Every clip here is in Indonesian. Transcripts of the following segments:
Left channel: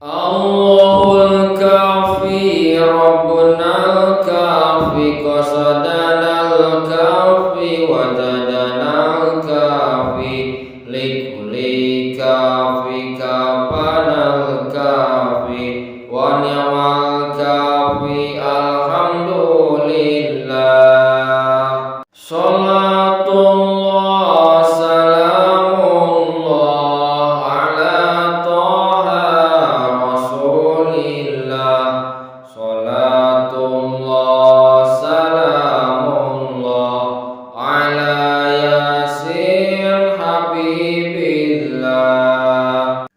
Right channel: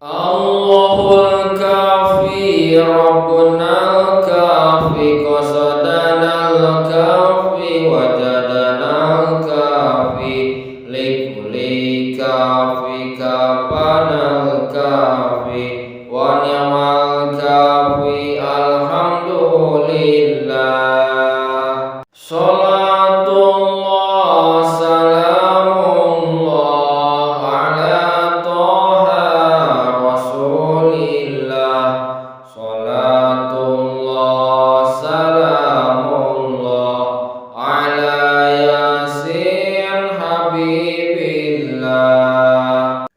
Allahul kafi Rabbunal kafi qasadanal kafi wajadanal kafi likuli kafi kapanal kafi wa ni'mal kafi alhamdulillah. Salatullah salamullah ala toha rasulillah. Salatullah salamullah ala yasin habibillah.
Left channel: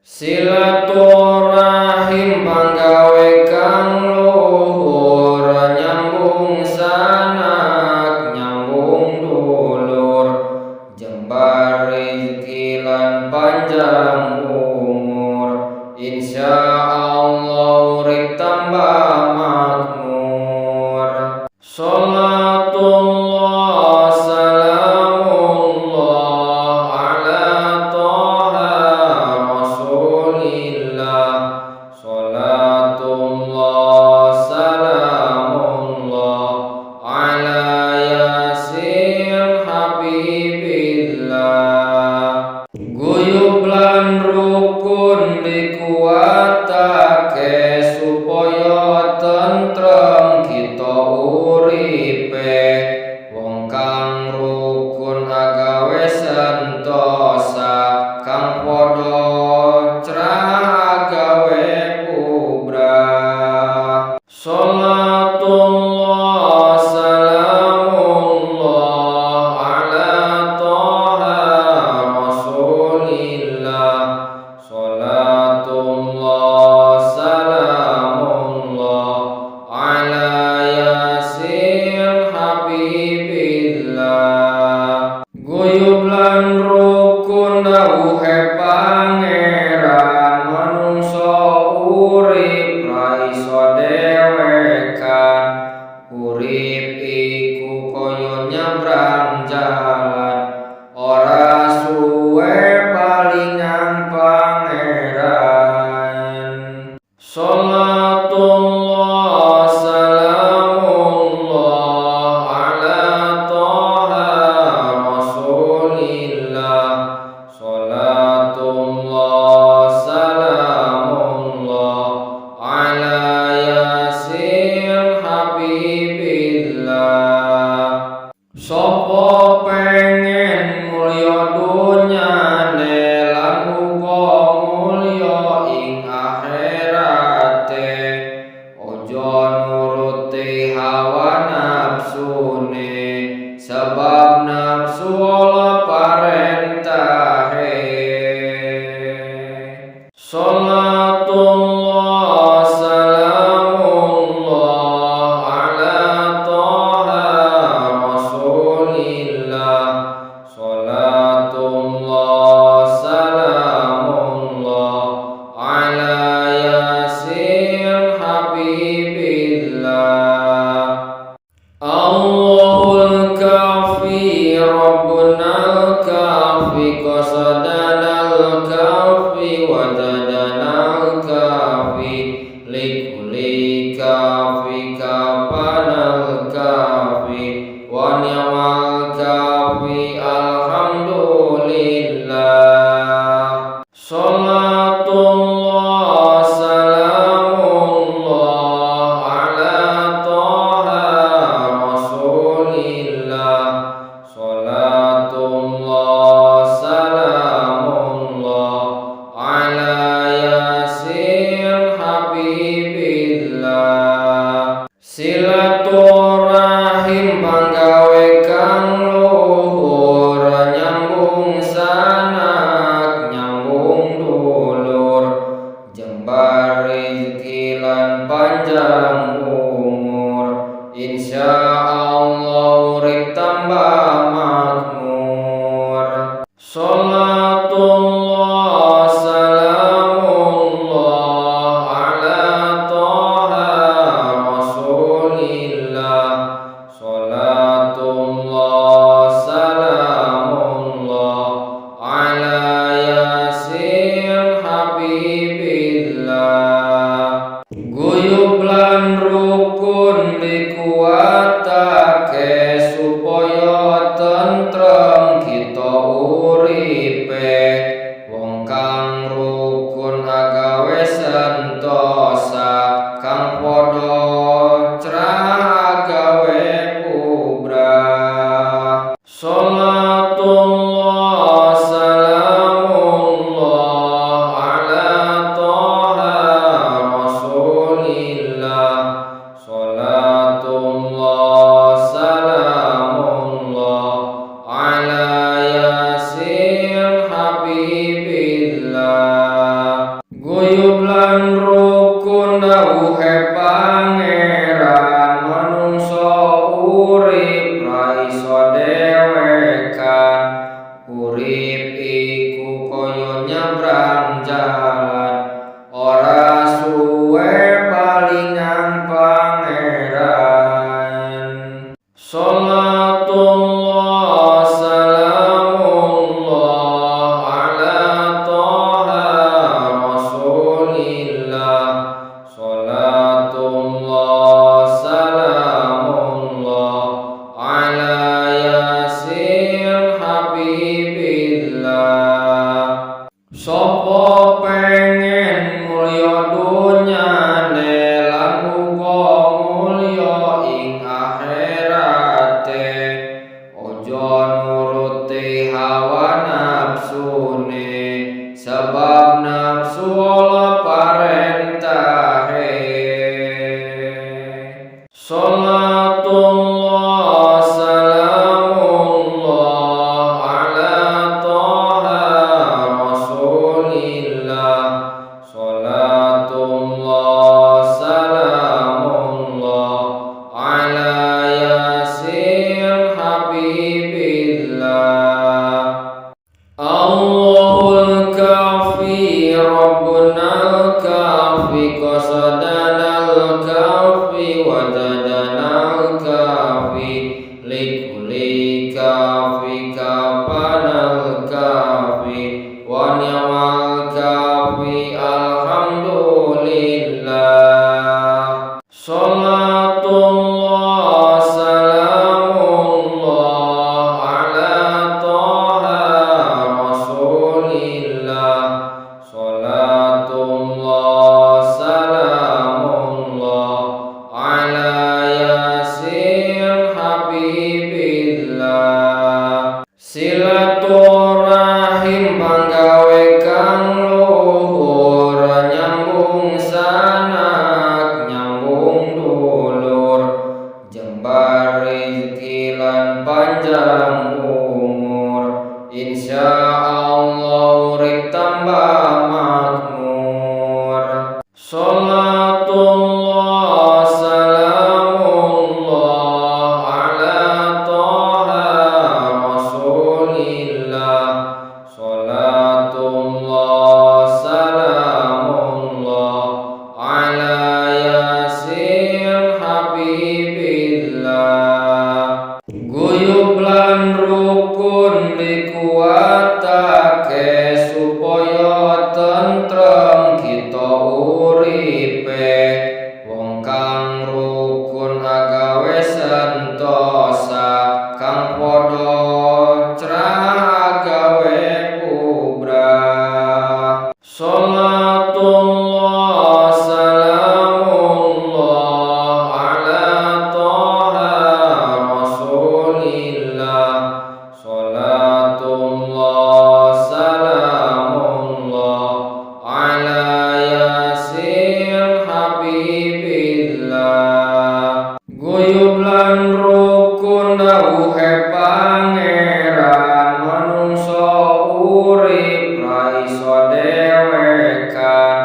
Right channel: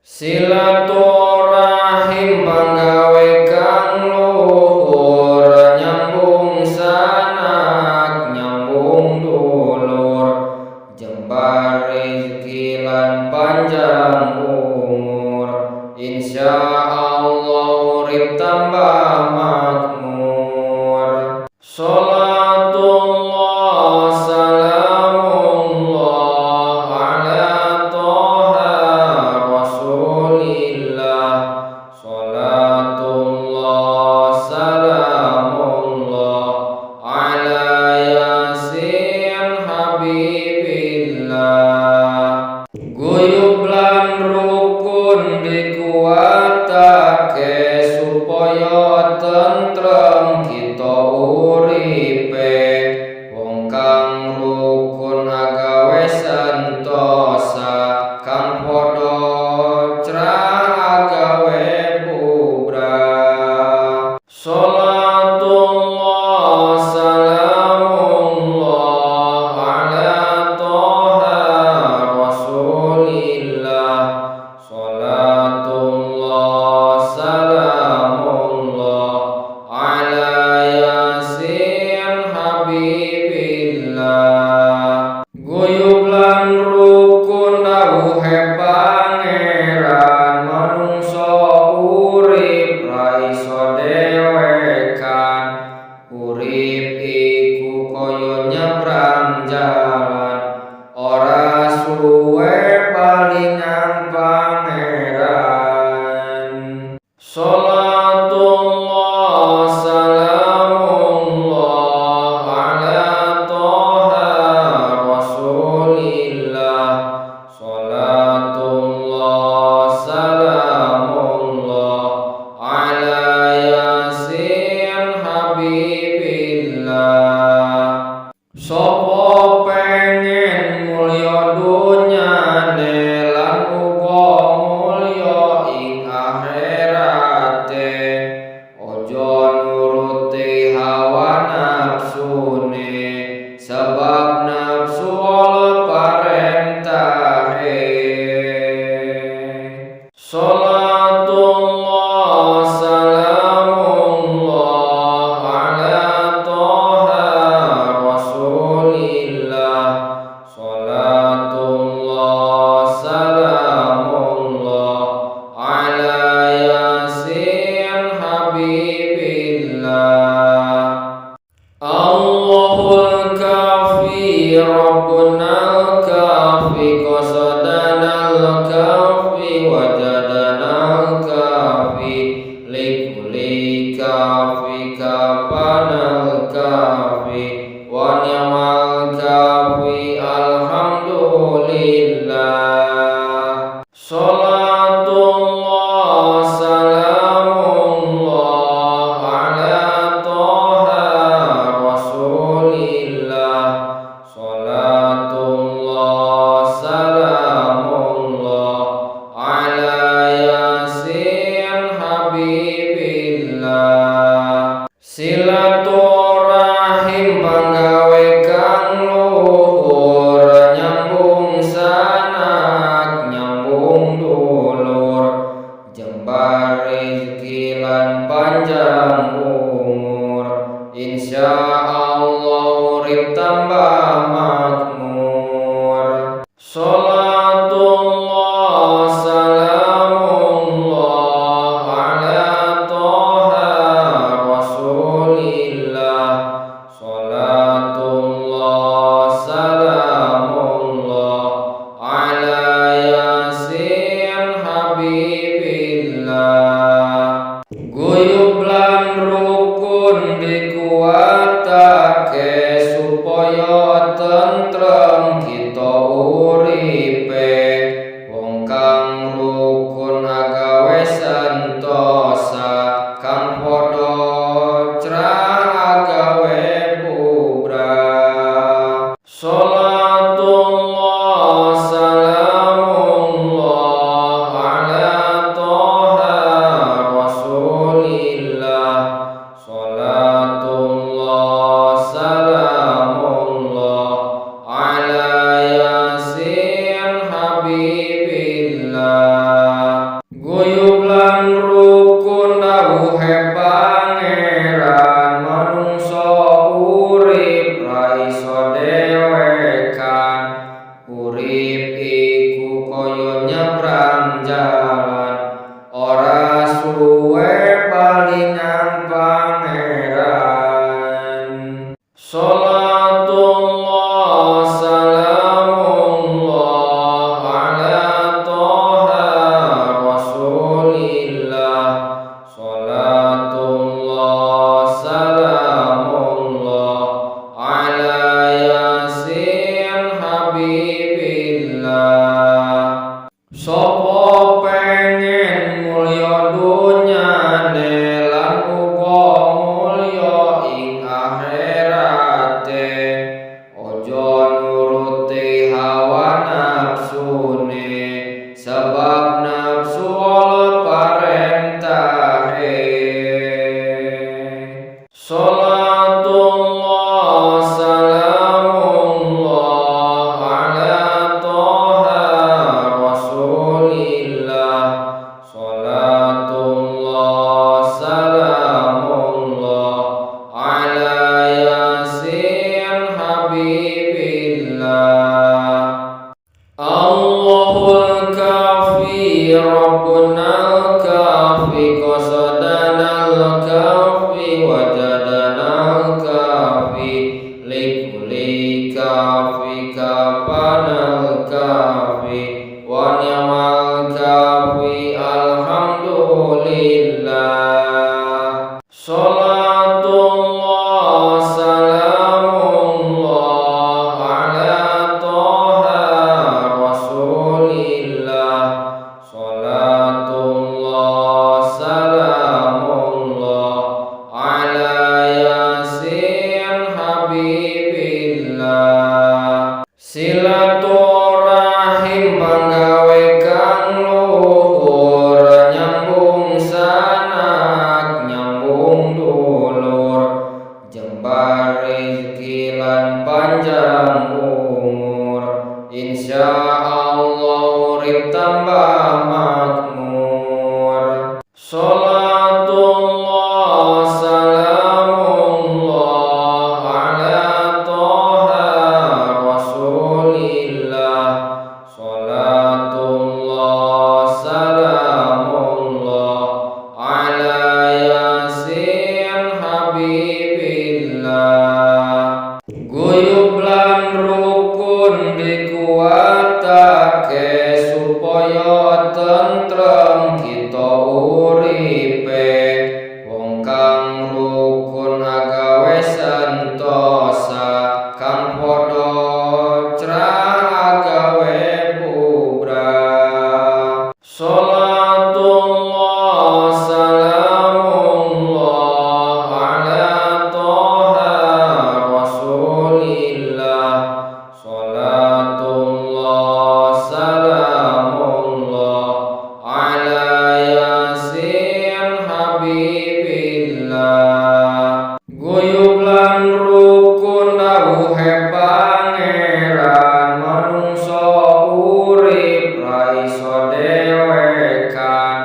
Silaturahim panggawe kang luhur, nyambung sanak nyambung dulur, jembar rezeki lan panjang umur, insyaallah urip tambah makmur. Salatullah salamullah ala toha rasulillah. Salatullah salamullah ala yasin habibillah. Guyub lan rukun dikuatake supaya tentrem kita uripe. Wong kang rukun agawe sentosa, kang padha crah agawe bubrah. Salatullah salamullah ala toha rasulillah. Salatullah salamullah ala yasin habibillah. Guyub lan rukun dawuhe pangeran, manungsa urip ra iso dhewekan. Urip iku kaya nyebrang jalan, ora suwe palingan pangeran. Salatullah salamullah ala toha rasulillah. Salatullah salamullah ala yasin habibillah. Sopo pengen mulya dunyane lan uga mulya ing akhirate, ojo nuruti hawa nafsune, sebab nafsu ala parentahe. Salatullah salamullah ala toha rasulillah. Salatullah salamullah ala yasin habibillah. Allahul kafi Rabbunal kafi qasadanal kafi wajadanal kafi likuli kafi kapanal kafi wa ni'mal kafi alhamdulillah. Salatullah salamullah ala toha rasulillah. Salatullah salamullah ala yasin habibillah. Silaturahim panggawe kang luhur, nyambung sanak nyambung dulur, jembar rezeki lan panjang umur, insyaallah urip tambah makmur. Salatullah salamullah ala toha rasulillah. Salatullah salamullah ala yasin habibillah. sentosa kang padha crah agawe bubrah. Salatullah salamullah ala toha rasulillah. Salatullah salamullah ala yasin habibillah. Guyub lan rukun dawuhe pangeran manungsa urip ra iso dewekan. Urip iku kaya nyebrang jalan, ora suwe balingan pangeran. Salatullah salamullah ala toha rasulillah. Salatullah salamullah ala yasin habibillah. Sopo pengen mulya dunyane lan uga mulya ing akhirate, ojo nuruti hawa nafsune, sebab nafsu ala parentahe. Salatullah salamullah ala toha rasulillah. Salatullah salamullah ala yasin habibillah. Allahul kafi rabbunal kafi qasadanal kafi wajadanal kafi likuli kafi kapanal kafi wa ni'mal kafi alhamdulillah. Salatullah salamullah ala toha rasulillah. Salatullah salamullah ala yasin habibillah. Silaturahim panggawe kang luhur, nyambung sanak nyambung dulur, jembar rizki lan panjang umur, insyaallah urip tambah makmur. Salatullah salamullah ala toha rasulillah. Salatullah salamullah ala yasin habibillah. Guyub lan rukun dikuatake supaya tentrem kita uripe. Wong kang rukun agawe sentosa kang padha crah agawe bubrah. Salatullah salamullah ala toha rasulillah. Salatullah salamullah ala yasin habibillah. Guyub lan rukun dawuhe pangeran manungsa urip ra iso dewekan.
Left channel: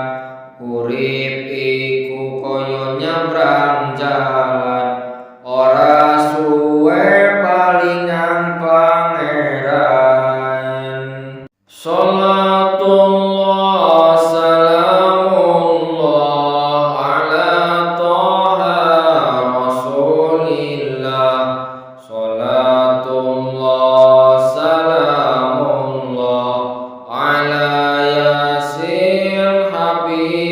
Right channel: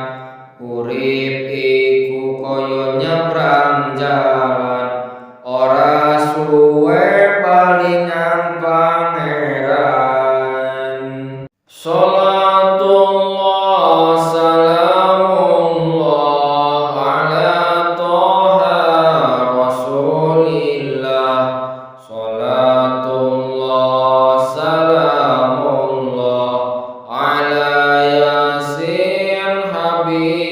Urip iku kaya nyebrang jalan, ora suwe balingan pangeran. Salatullah salamullah ala toha rasulillah. Salatullah salamullah ala yasin habibillah.